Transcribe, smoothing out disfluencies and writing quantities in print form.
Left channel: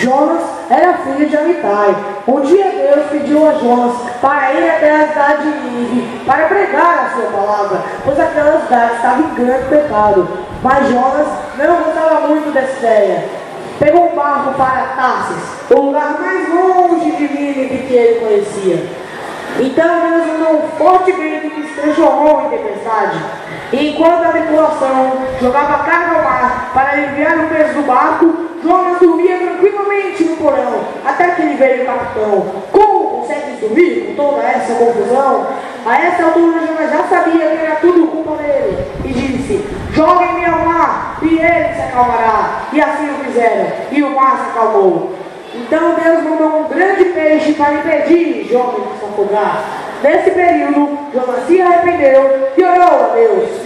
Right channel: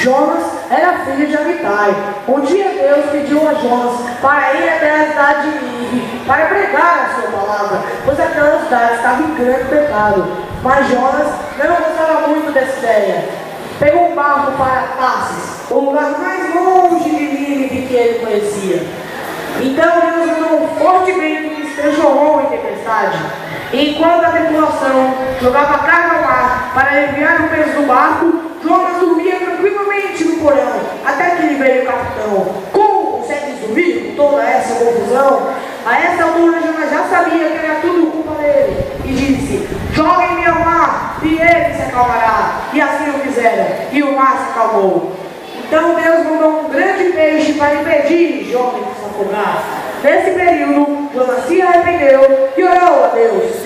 Jonas era filho de Amitai. Um dia Deus pediu a Jonas para ir até a cidade de Nínive para pregar a sua palavra, pois aquela cidade estava em grande pecado. Mas Jonas não gostava muito dessa ideia. Pegou um barco para Tarsis, o lugar mais longe de Nínive que ele conhecia. Então Deus mandou um forte vento que se transformou em tempestade. E enquanto a tripulação jogava carga ao mar para aliviar o peso do barco, Jonas dormia tranquilamente no porão, até que lhe veio o capitão. Como consegues dormir com toda essa confusão? A essa altura Jonas já sabia que era tudo culpa dele, e disse: joguem-me ao mar, e ele se acalmará. E assim o fizeram, e o mar se acalmou. Então Deus mandou um grande peixe para impedir Jonas de se afogar. Nesse período, Jonas se arrependeu e orou a Deus.